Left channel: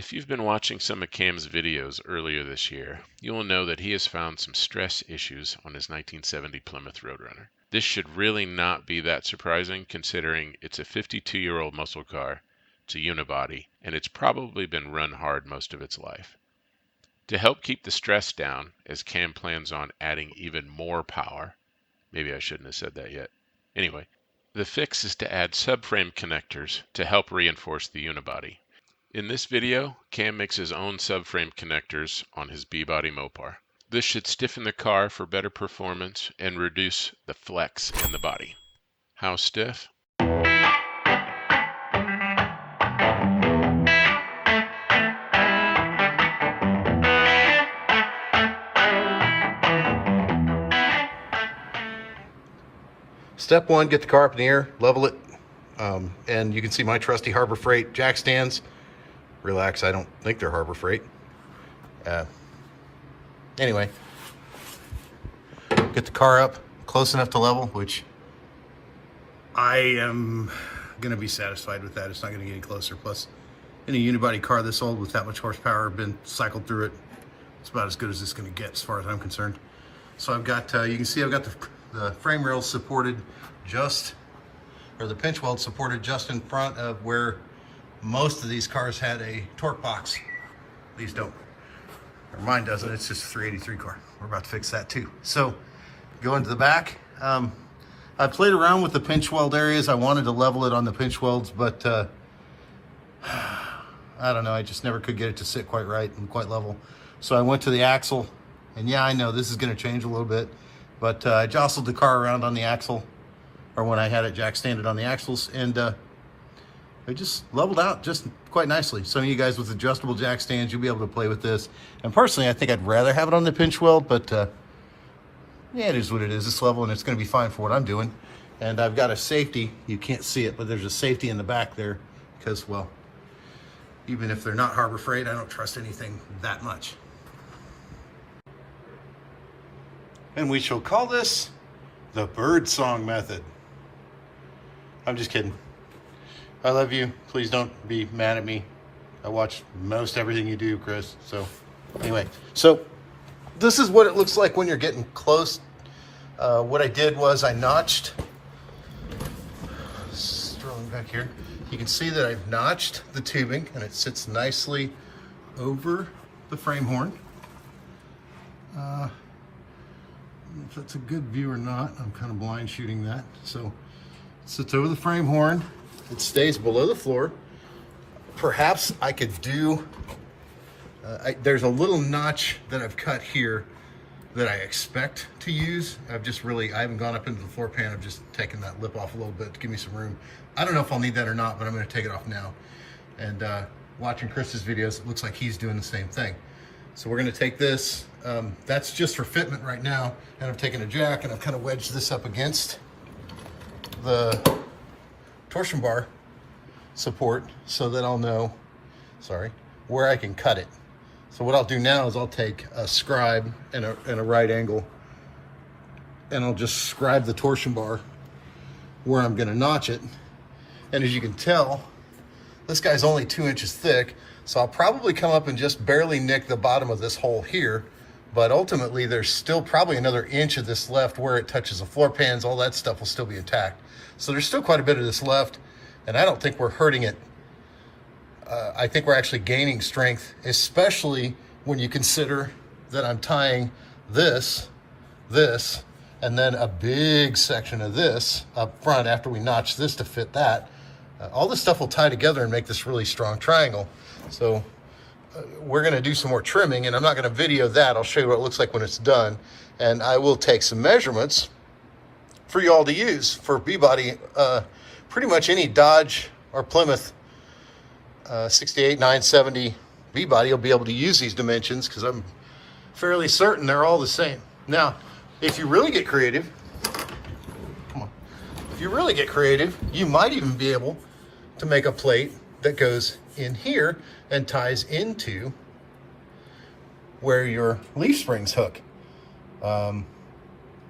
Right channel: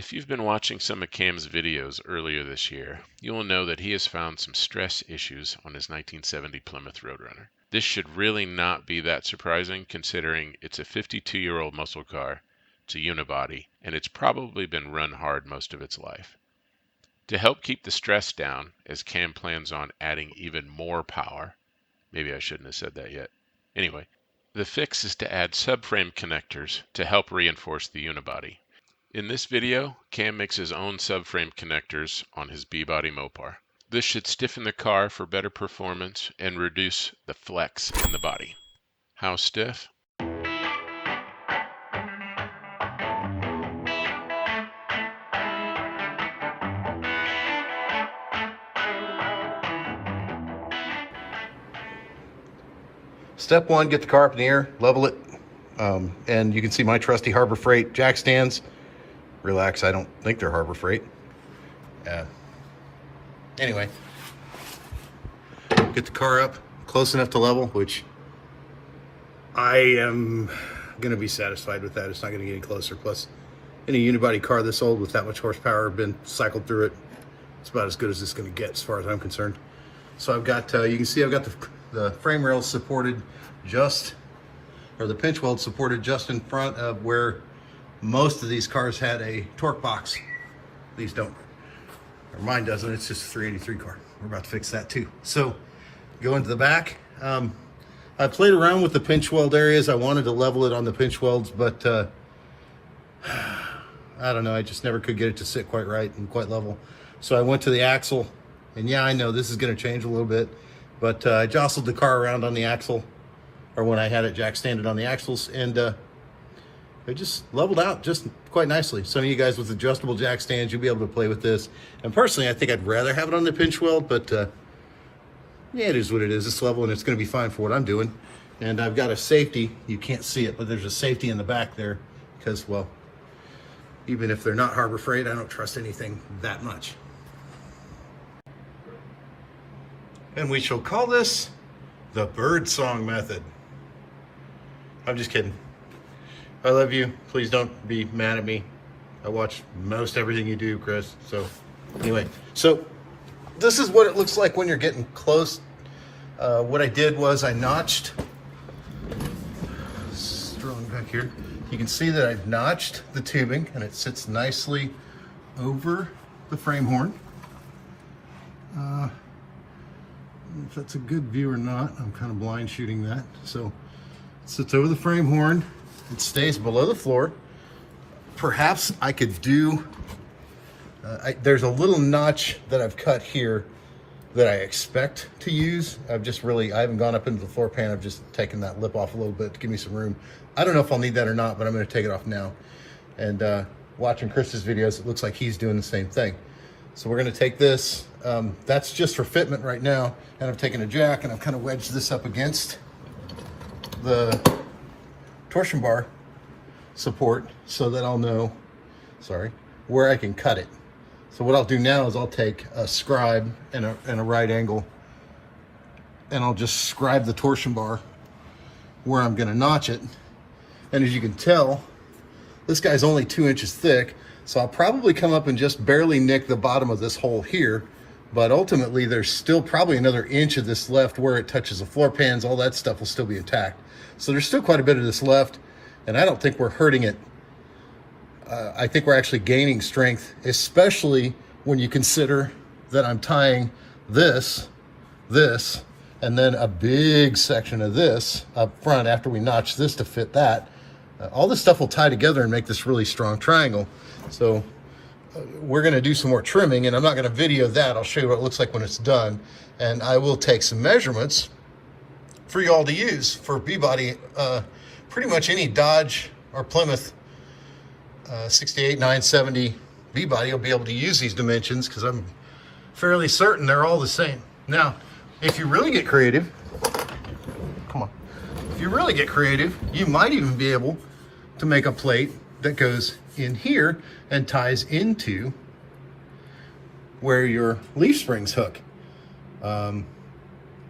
If you've been watching some of Cam's videos earlier this year, you will know that he has found some stress issues on his 1970 Plymouth Roadrunner. This should really not be that surprising considering it's a 52-year-old muscle car, it's a unibody, and it's probably been run hard most of its life. To help keep the stress down, as Cam plans on adding even more power, maybe I shouldn't have said that yet. Anyway, the fix is to add subframe connectors to help reinforce the unibody. In this video, Cam makes his own subframe connectors on his B-body Mopar. This should stiffen the car for better performance and reduce the flex in the body. How stiff? Step one, get the car up in the air, level it, and you can see my trusty Harbor Freight jack stands. Relax, I don't think they're Harbor Freight. Anyway, get the car up close enough to level, which I am gonna be satisfied with that. It's not gonna get any closer. Plus, any unibody car this old with that much horsepower, been cycled through it, it's about as good as it's gonna get as far as I'm concerned. So I've got, you can see I've got the frame rails supported the pinch weld supported just in front of where most of these cars had a torque box. These don't, or mine doesn't. It's just a 383 car. We're about to fix that too. So go into the back. I played around with the pinch weld areas. I wanted to level it on the pinch welds, but I don't know. I just never could get it to sit quite right and quite level. So I went to the axle, and yeah, I know this is going to change a little bit, but I jostled the car around on the axle, or when I had it jack standed on the axles, and it just leveled out just quite nicely. Some of you guys with adjustable jack stands, you'll be able to play with this. And personally, I think I'd rather have it on the pinch weld, but yeah, it is what it is. It's level and it's gonna be fine for what I'm doing. And I've got a safety, you can't see it, but there's a safety in the back there because, well, even if they're not Harbor Freight, I don't trust anything that much. And we shall call this the bird song method. I'm just kidding. I love you. Please don't be mad at me. I watch most everything you do, Chris. So anyway, so this is what it looks like when you're getting close. What I did was I notched, strolling back here, you can see that I've notched the tubing and it sits nicely over the frame horn. I don't know if that's a good view or not. I'm kind of blind shooting that. So it sits over the frame horn. It stays below the floor. Perhaps I could do, there's a little notch that I've cut here that I expect to use. I haven't gone up into the floor pan. I've just taken that lip off a little bit to give me some room. I don't know if I'll need that or not, but I'm gonna take it off now. And watching Chris's videos, it looks like he's doing the same thing. So we're gonna take this, that's just for fitment right now. And I've taken a jack and I've kind of wedged this up against the torsion bar support so that I'll know, where I can cut it. So what I'll do now is I'll take a scribe and a right angle and I'll just scribe the torsion bar where I'm gonna notch it. And as you can tell, this guy's only 2 inches thick, so I'll probably come up and just barely nick the bottom of this hole here, but ultimately there's still probably another inch of this left where it touches the floor pans. All that stuff will still be intact. So there's still quite a bit of this left, and I don't think we're hurting it. I think we're actually gaining strength, especially when you consider that I'm tying this, and then a big section of this up front after we notch this to fit that. All this stuff will tie together and make this really strong triangle. So we're gonna do some more trimming, and I'm not gonna video that. I'll show you what it looks like when it's done. And I will take some measurements for you all to use for B-body. Pretty much any Dodge or Plymouth 68 970 B-body, you'll be able to use these dimensions because I'm fairly certain they're all the same. Now, if you really get creative, if you really get creative, you might even be able to make a plate that goes in here and ties into where your leaf springs hook.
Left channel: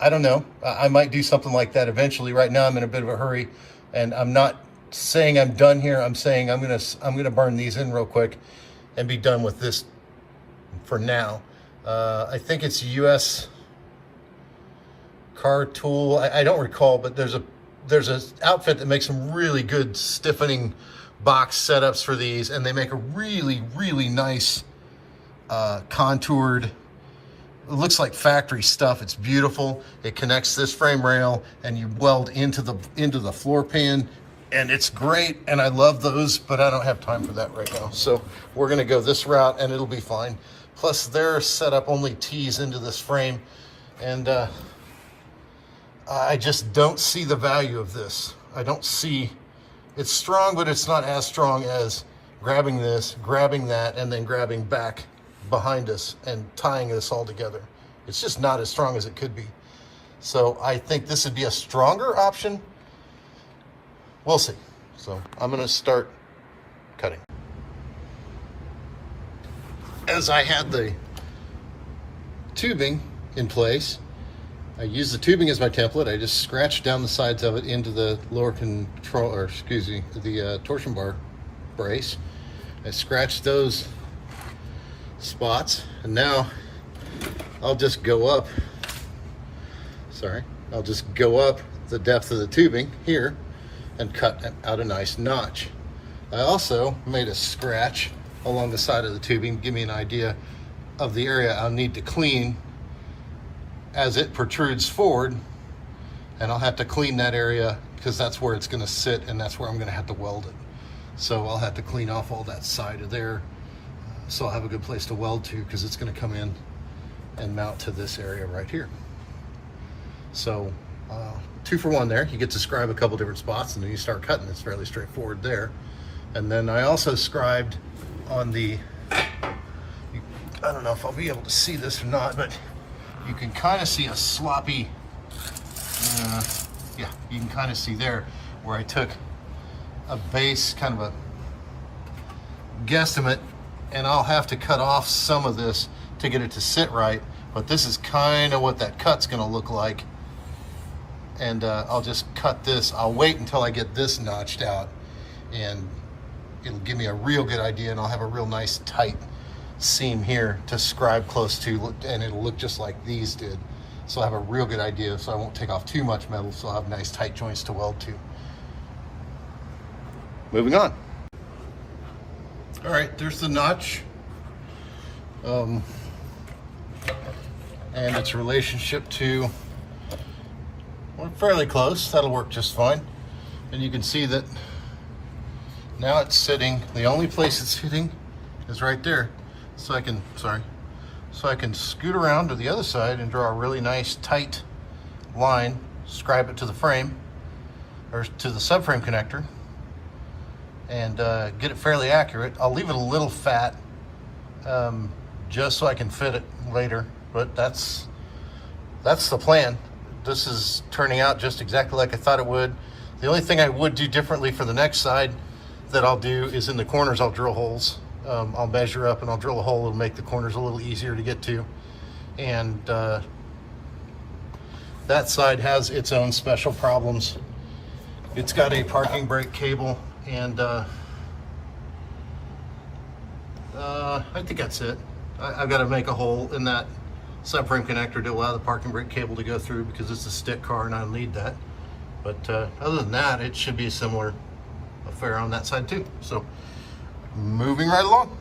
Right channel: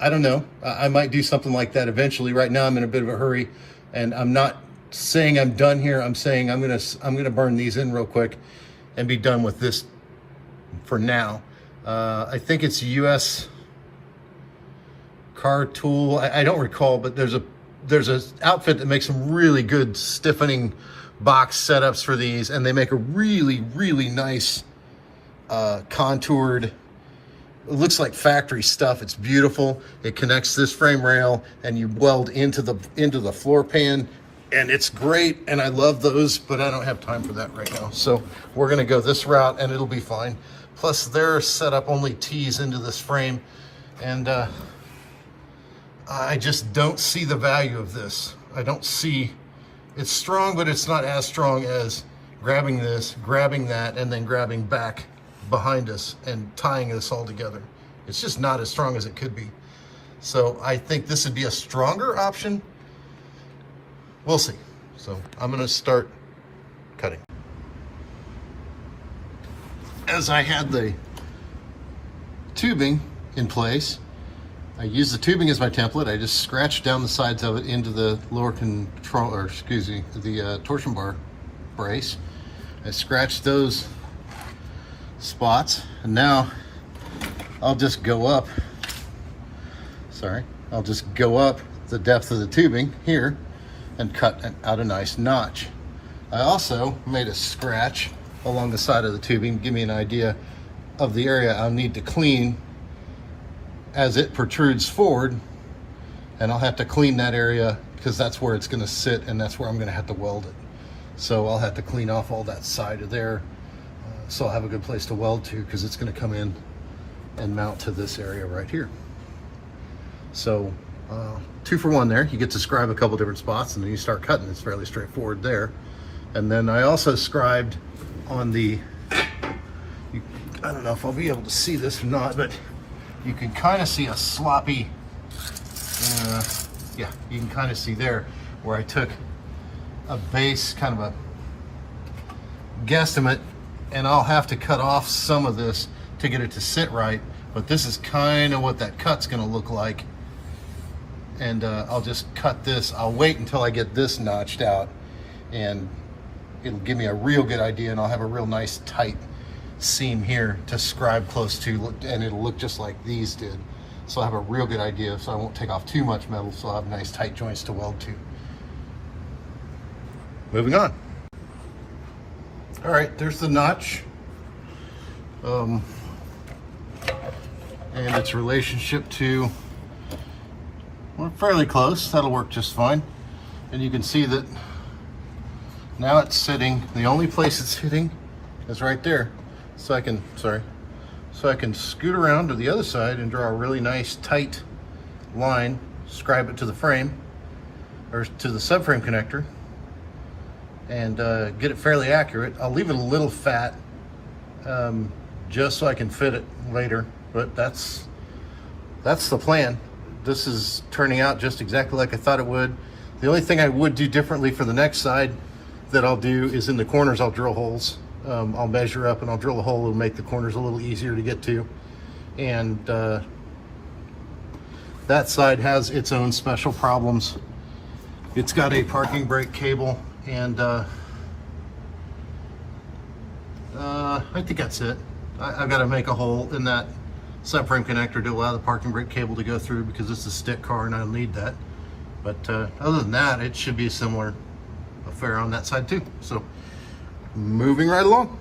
I don't know. I might do something like that eventually. Right now I'm in a bit of a hurry, and I'm not saying I'm done here. I'm saying I'm gonna burn these in real quick, and be done with this for now. I think it's US Car Tool. I don't recall, but there's a outfit that makes some really good stiffening box setups for these, and they make a really nice contoured. It looks like factory stuff. It's beautiful. It connects this frame rail, and you weld into the floor pan, and it's great. And I love those, but I don't have time for that right now. So we're gonna go this route, and it'll be fine. Plus, their setup only tees into this frame, and I just don't see the value of this. I don't see. It's strong, but it's not as strong as grabbing this, grabbing that, and then grabbing back behind us and tying this all together. It's just not as strong as it could be. So I think this would be a stronger option. We'll see. So I'm gonna start cutting. As I had the tubing in place, I used the tubing as my template. I just scratched down the sides of it into the lower control, or excuse me, the torsion bar brace. I scratched those spots, and now I'll just go up. I'll just go up the depth of the tubing here and cut out a nice notch. I also made a scratch along the side of the tubing, give me an idea of the area I'll need to clean as it protrudes forward, and I'll have to clean that area because that's where it's going to sit, and that's where I'm going to have to weld it. So I'll have to clean off all that side of there, so I'll have a good place to weld to, because it's going to come in and mount to this area right here. So 2 for 1 there. You get to scribe a couple different spots, and then you start cutting. It's fairly straightforward there. And then I also scribed on the, I don't know if I'll be able to see this or not, but you can kind of see a sloppy, yeah, you can kind of see there where I took a base, kind of a guesstimate, and I'll have to cut off some of this to get it to sit right, but this is kind of what that cut's gonna look like. And I'll just cut this. I'll wait until I get this notched out, and it'll give me a real good idea, and I'll have a real nice tight seam here to scribe close to, and it'll look just like these did. So I'll have a real good idea, so I won't take off too much metal, so I'll have nice tight joints to weld to. Moving on. All right, there's the notch. And its relationship to, we're fairly close. That'll work just fine. And you can see that now it's sitting, the only place it's hitting is right there. So I can, so I can scoot around to the other side and draw a really nice tight line, scribe it to the frame, or to the subframe connector, and get it fairly accurate. I'll leave it a little fat, just so I can fit it later, but that's the plan. This is turning out just exactly like I thought it would. The only thing I would do differently for the next side that I'll do is in the corners I'll drill holes. I'll measure up and I'll drill a hole. It'll make the corners a little easier to get to. And that side has its own special problems. It's got a parking brake cable, and I think that's it. I've got to make a hole in that subframe connector to allow the parking brake cable to go through, because it's a stick car and I'll need that. But other than that, it should be a similar affair on that side too. So moving right along.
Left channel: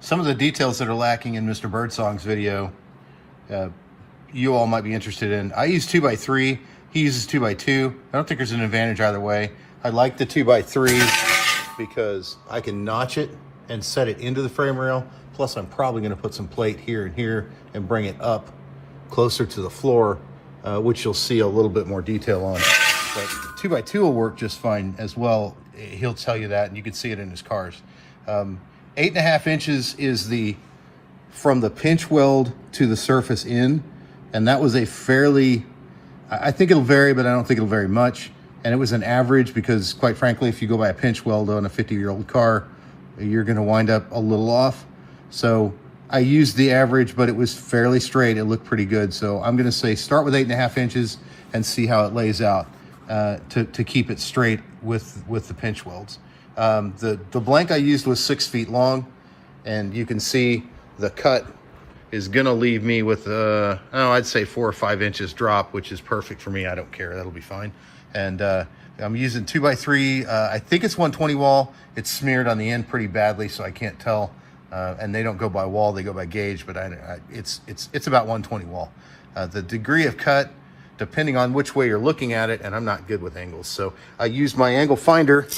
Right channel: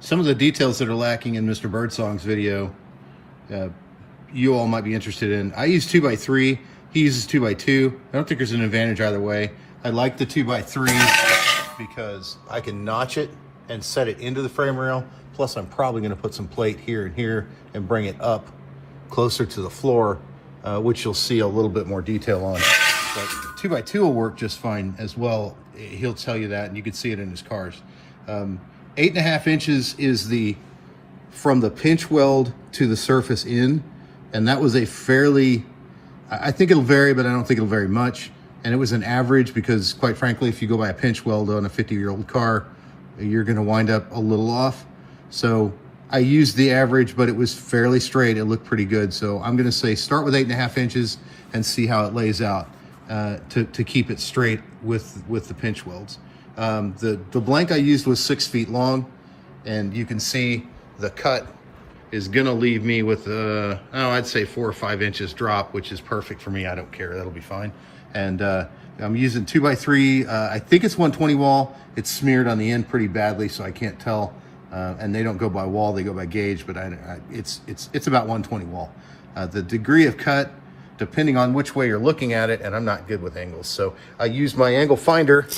Some of the details that are lacking in Mr. Birdsong's video, you all might be interested in. I use 2x3, he uses 2x2. I don't think there's an advantage either way. I like the 2x3 because I can notch it and set it into the frame rail. Plus I'm probably gonna put some plate here and here and bring it up closer to the floor, which you'll see a little bit more detail on. But 2x2 will work just fine as well. He'll tell you that, and you can see it in his cars. 8.5 inches is the, from the pinch weld to the surface in, and that was a fairly, I think it'll vary, but I don't think it'll vary much. And it was an average because, quite frankly, if you go by a pinch weld on a 50-year-old car, you're gonna wind up a little off. So I used the average, but it was fairly straight. It looked pretty good. So I'm gonna say start with 8.5 inches and see how it lays out to keep it straight with the pinch welds. The blank I used was 6 feet long, and you can see the cut is gonna leave me with I'd say 4 or 5 inches drop, which is perfect for me. I don't care, that'll be fine. And I'm using 2x3. I think it's 120 wall. It's smeared on the end pretty badly, so I can't tell. And they don't go by wall, they go by gauge, but it's about 120 wall. The degree of cut, depending on which way you're looking at it, and I'm not good with angles, so I used my angle finder,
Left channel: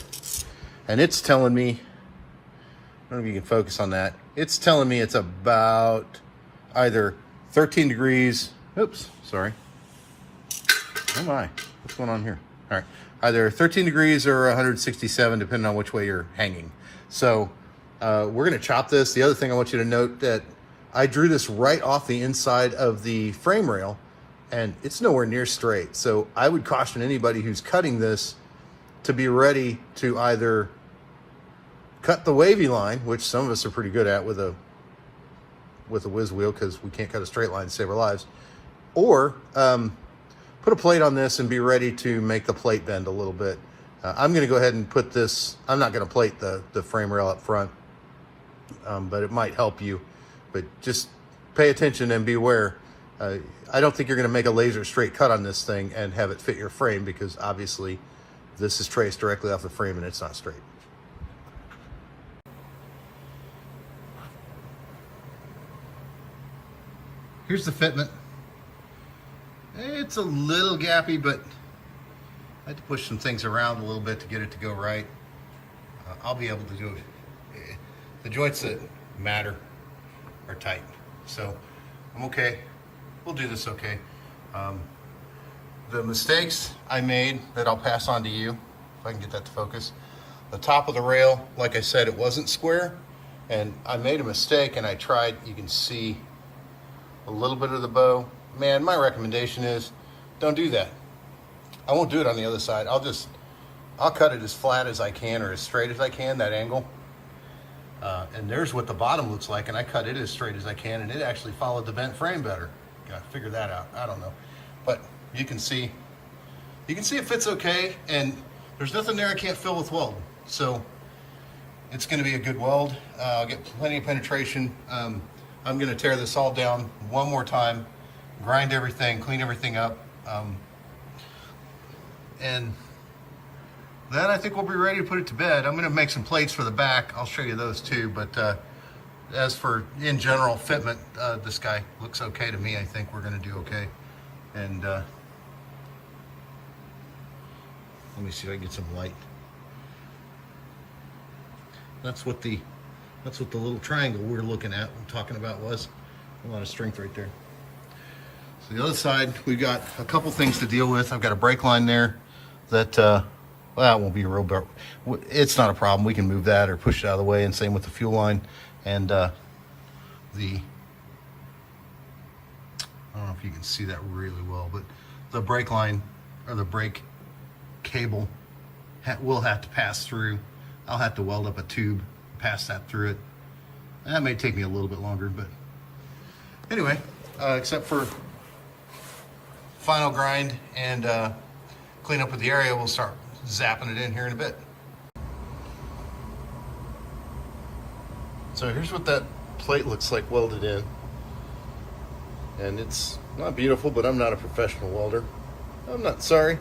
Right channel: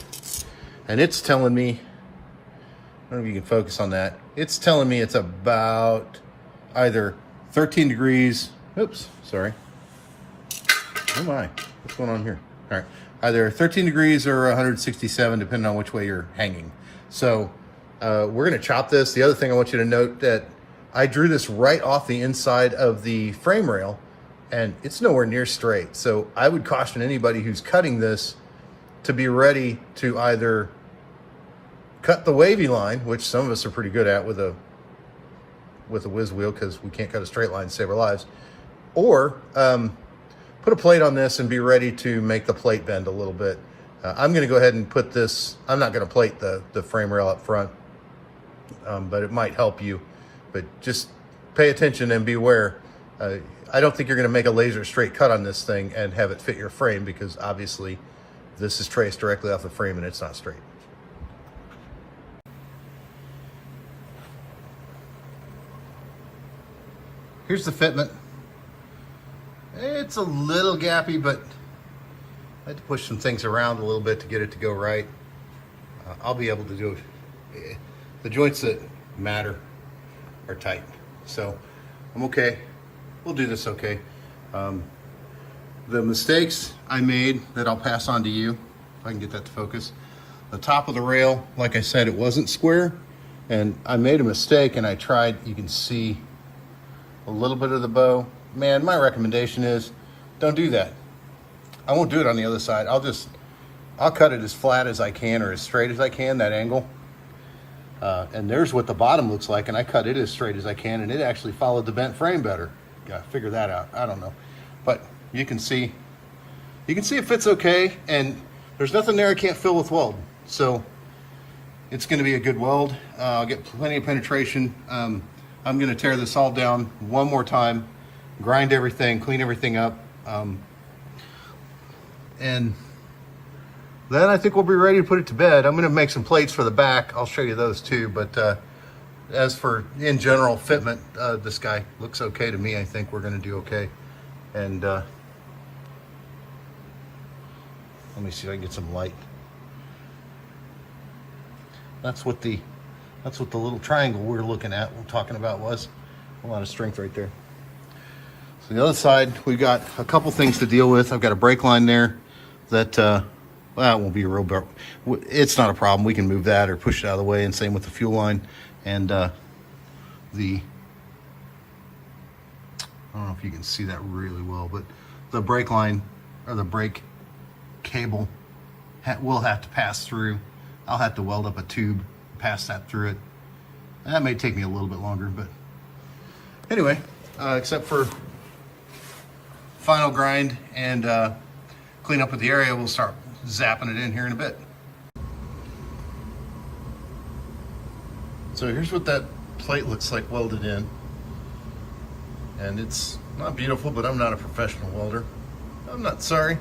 and it's telling me, I don't know if you can focus on that, it's telling me it's about either 13 degrees, oops, sorry. Oh my, what's going on here? All right, either 13 degrees or 167, depending on which way you're hanging. So we're gonna chop this. The other thing I want you to note that I drew this right off the inside of the frame rail, and it's nowhere near straight. So I would caution anybody who's cutting this to be ready to either cut the wavy line, which some of us are pretty good at with a whiz wheel, because we can't cut a straight line to save our lives, or put a plate on this and be ready to make the plate bend a little bit. I'm going to go ahead and put this, I'm not going to plate the frame rail up front, but it might help you. But just pay attention and beware. I don't think you're going to make a laser straight cut on this thing and have it fit your frame, because obviously this is traced directly off the frame and it's not straight. Here's the fitment. It's a little gappy, but I had to push some things around a little bit to get it to go right. I'll be able to do it. The joints that matter are tight, so I'm okay. We'll do this okay. The mistakes I made that I'll pass on to you, if I can get that to focus. The top of the rail, like I said, it wasn't square, and I made a mistake, and I tried, you can see a little bit of the bow. Man, my recommendation is don't do that. I won't do it on the other side. I'll cut it as flat as I can, or as straight as I can, that angle. And there's what the bottom looks like, and I cut it as straight as I can, and it actually followed the bent frame better. Gotta figure that out, I don't know. But you can see it fits okay, and there's nothing there I can't fill with weld. So it's gonna be a good weld. I'll get plenty of penetration. I'm gonna tear this all down one more time, grind everything, clean everything up, and then I think we'll be ready to put it to bed. I'm gonna make some plates for the back. I'll show you those too, but as for in general fitment, this guy looks okay to me. I think we're gonna do okay. And let me see if I can get some light. That's what the little triangle we're looking at, we're talking about, was. A lot of strength right there. So the other side, we've got a couple things to deal with. I've got a brake line there that, well, it won't be a real, it's not a problem. We can move that or push it out of the way, and same with the fuel line. And I don't know if you can see that really well, but the brake line, or the brake cable, will have to pass through. I'll have to weld up a tube, pass that through it. That may take me a little bit longer, but anyway, except for final grind and clean up with the area, we'll start zapping it in here in a bit. So here's what that plate looks like welded in. And it's not beautiful, but I'm not a professional welder. I'm not sorry.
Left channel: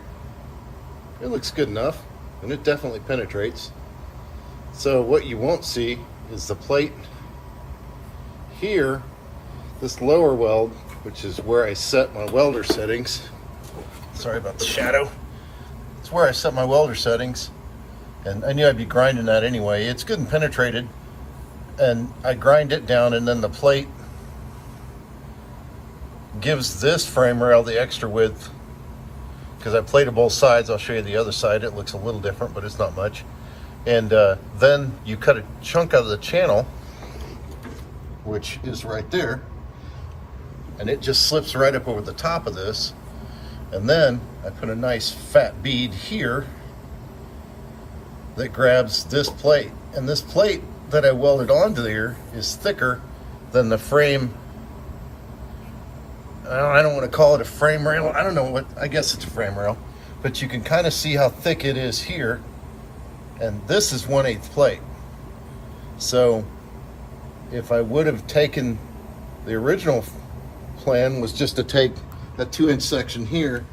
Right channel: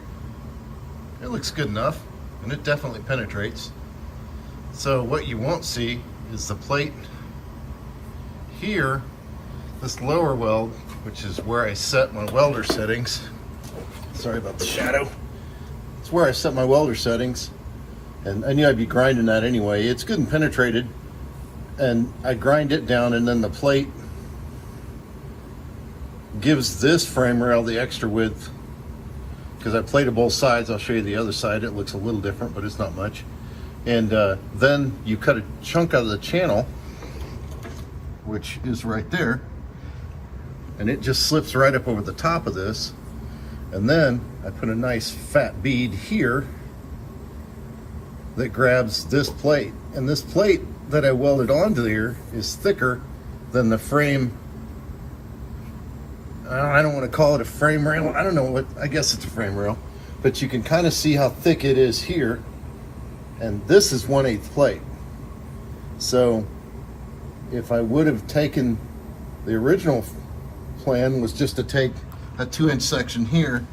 It looks good enough, and it definitely penetrates. So what you won't see is the plate here, this lower weld, which is where I set my welder settings. Sorry about the shadow. It's where I set my welder settings. And I knew I'd be grinding that anyway. It's good and penetrated. And I grind it down, and then the plate gives this frame rail the extra width, because I plated both sides. I'll show you the other side. It looks a little different, but it's not much. And then you cut a chunk out of the channel, which is right there, and it just slips right up over the top of this. And then I put a nice fat bead here that grabs this plate. And this plate that I welded onto here is thicker than the frame. I don't want to call it a frame rail. I don't know what, I guess it's a frame rail. But you can kind of see how thick it is here. And this is 1/8 plate. So if I would have taken, the original plan was just to take a 2-inch section here,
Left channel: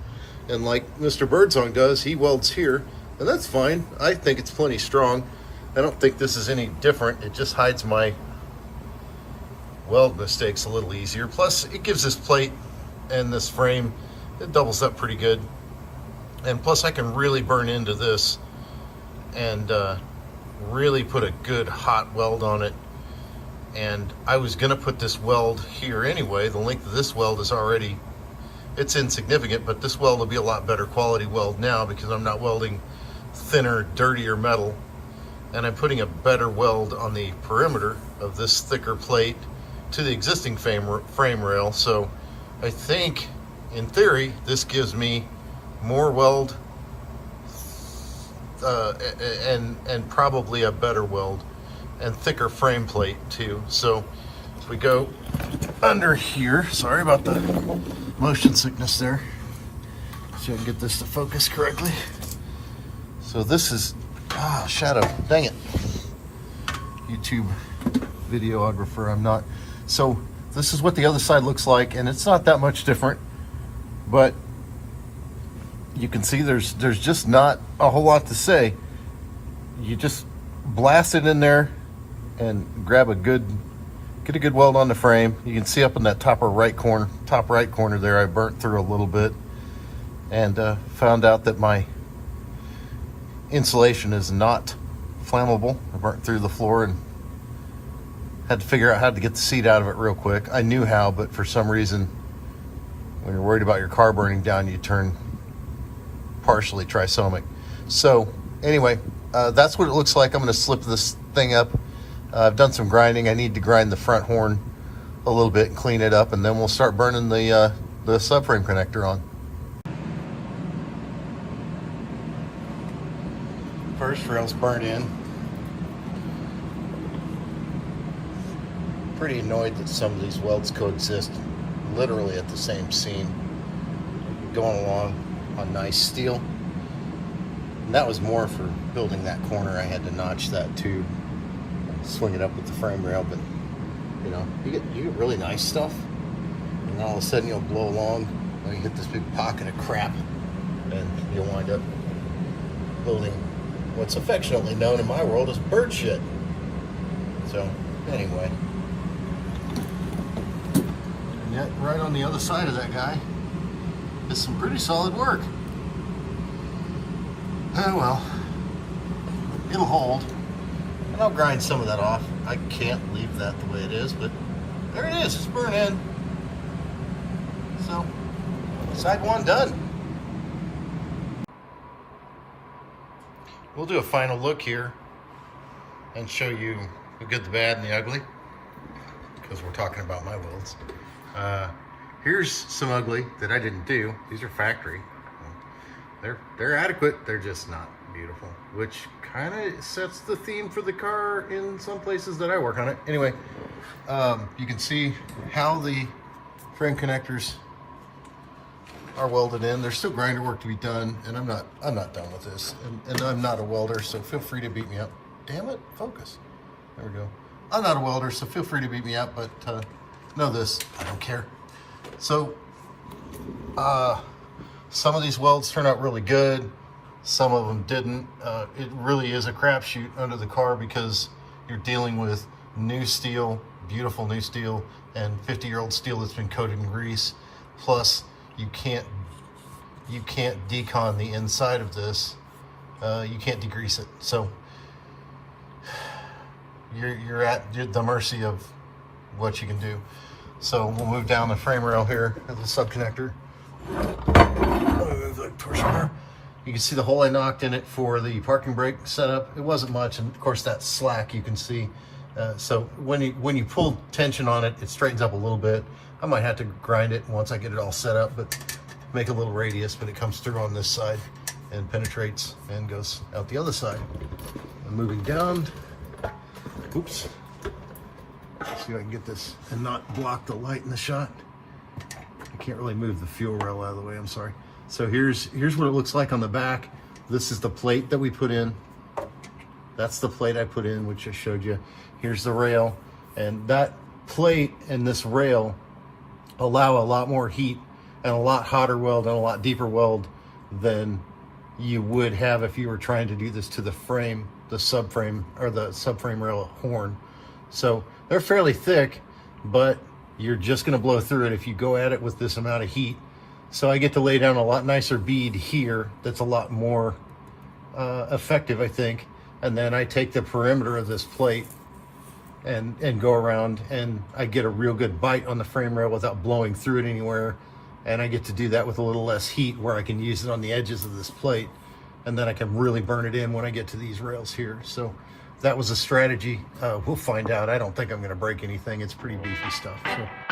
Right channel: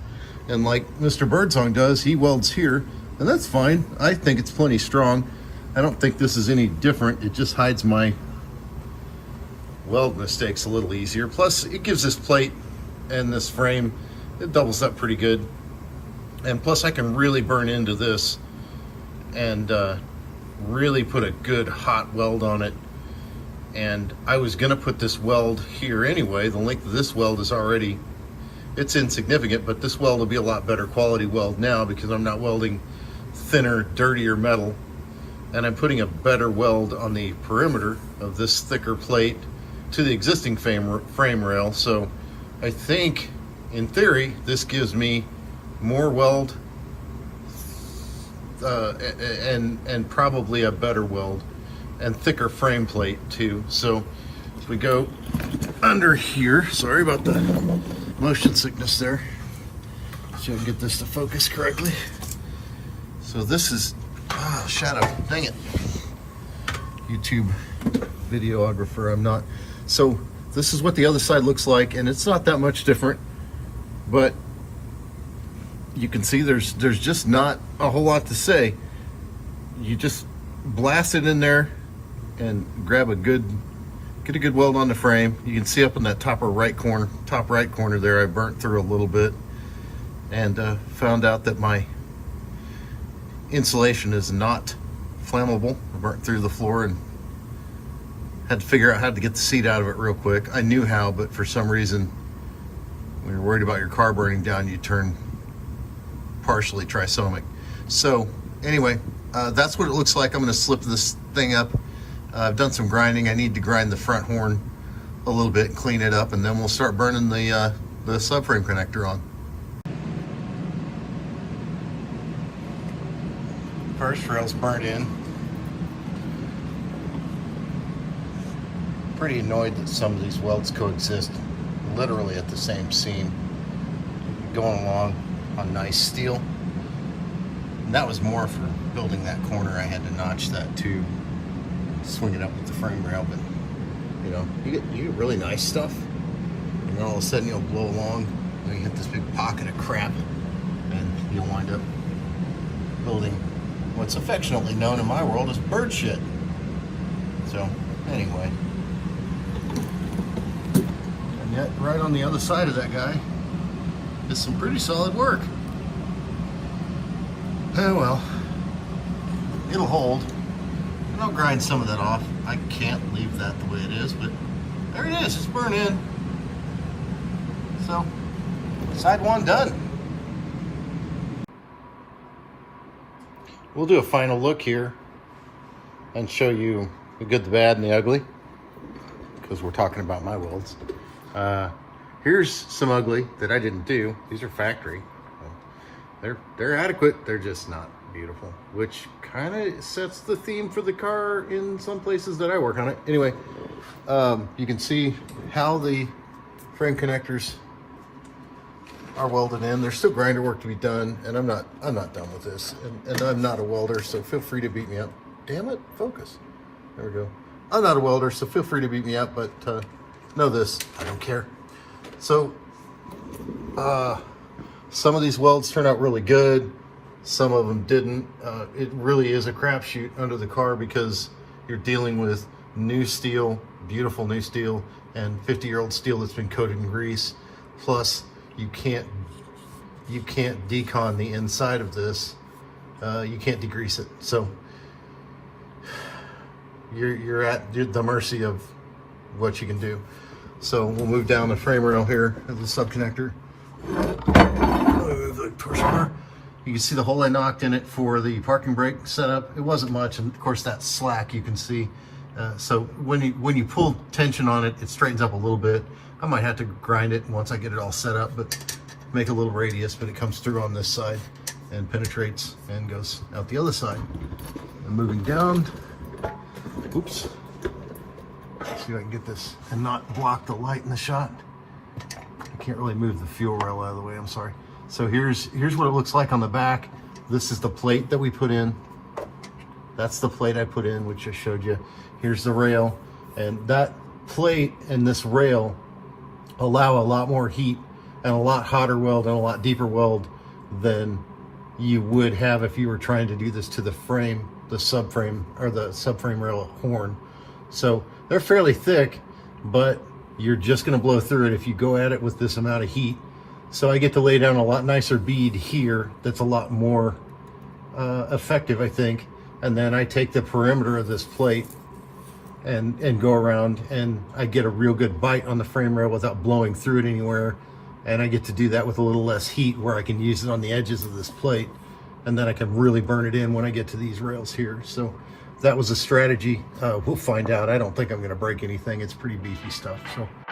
and like Mr. Birdsong does, he welds here, and that's fine. I think it's plenty strong. I don't think this is any different. It just hides my weld mistakes a little easier. Plus, it gives this plate and this frame, it doubles up pretty good. And plus, I can really burn into this and really put a good hot weld on it. And I was gonna put this weld here anyway. The length of this weld is already, it's insignificant, but this weld will be a lot better quality weld now because I'm not welding thinner, dirtier metal. And I'm putting a better weld on the perimeter of this thicker plate to the existing frame rail. So I think, in theory, this gives me more weld and probably a better weld and thicker frame plate too. So if we go under here, sorry about the motion sickness there. See if I can get this to focus correctly. So this is, shadow, dang it. YouTube videographer, I'm not. So this is what the other side looks like, and it's not that much different, but you can see there's just not a whole lot to say. You just blast it in there and grab get a good weld on the frame. You can see up in that top right corner there, I burnt through a little bit and found out that my insulation is not flammable. I burnt through the floor and had to figure out how to get the seat out of it real quick. I knew how, but for some reason, when you're worried about your car burning down, you turn partially trisomic. So anyway, that's what it looks like. I'm gonna slip this thing up. I've done some grinding. I need to grind the front horn a little bit, clean it up, and then we'll start burning the subframe connector on. First rail's burnt in. Pretty annoyed that some of these welds coexist literally at the same seam, going along on nice steel. And that was more for building that corner. I had to notch that tube and swing it up with the frame rail, but you know, you get really nice stuff, and all of a sudden you'll blow along and you hit this big pocket of crap, and you'll wind up building what's affectionately known in my world as bird shit. So anyway, and yet right on the other side of that guy is some pretty solid work. Oh well, it'll hold, and I'll grind some of that off. I can't leave that the way it is, but there it is, it's burnt in. So, side one done. We'll do a final look here and show you the good, the bad, and the ugly, because we're talking about my welds. Here's some ugly that I didn't do. These are factory. They're adequate. They're just not beautiful, which kind of sets the theme for the car in some places that I work on it. Anyway, you can see how the frame connectors are welded in. There's still grinder work to be done, and I'm not done with this. And I'm not a welder, so feel free to beat me up. Damn it, focus. There we go. I'm not a welder, so feel free to beat me up, but know this, I don't care. So, some of these welds turn out really good. Some of them didn't. It really is a crapshoot under the car because you're dealing with new steel, beautiful new steel, and 50-year-old steel that's been coated in grease. Plus, you can't decon the inside of this. You can't degrease it. So you're at the mercy of what you can do. So we'll move down the frame rail here at the sub connector. You can see the hole I knocked in it for the parking brake setup. It wasn't much, and of course that slack you can see. So when you pull tension on it, it straightens up a little bit. I might have to grind it once I get it all set up, but make a little radius, but it comes through on this side and penetrates and goes out the other side. I'm moving down. Oops. Let's see if I can get this and not block the light in the shot. I can't really move the fuel rail out of the way, I'm sorry. So here's what it looks like on the back. This is the plate that we put in. That's the plate I put in, which I showed you. Here's the rail, and that plate and this rail allow a lot more heat and a lot hotter weld and a lot deeper weld than you would have if you were trying to do this to the frame, the subframe, or the subframe rail horn. So they're fairly thick, but you're just going to blow through it if you go at it with this amount of heat. So I get to lay down a lot nicer bead here that's a lot more effective, I think. And then I take the perimeter of this plate and go around, and I get a real good bite on the frame rail without blowing through it anywhere. And I get to do that with a little less heat, where I can use it on the edges of this plate, and then I can really burn it in when I get to these rails here. So that was a strategy. We'll find out. I don't think I'm going to break anything. It's pretty beefy stuff. So.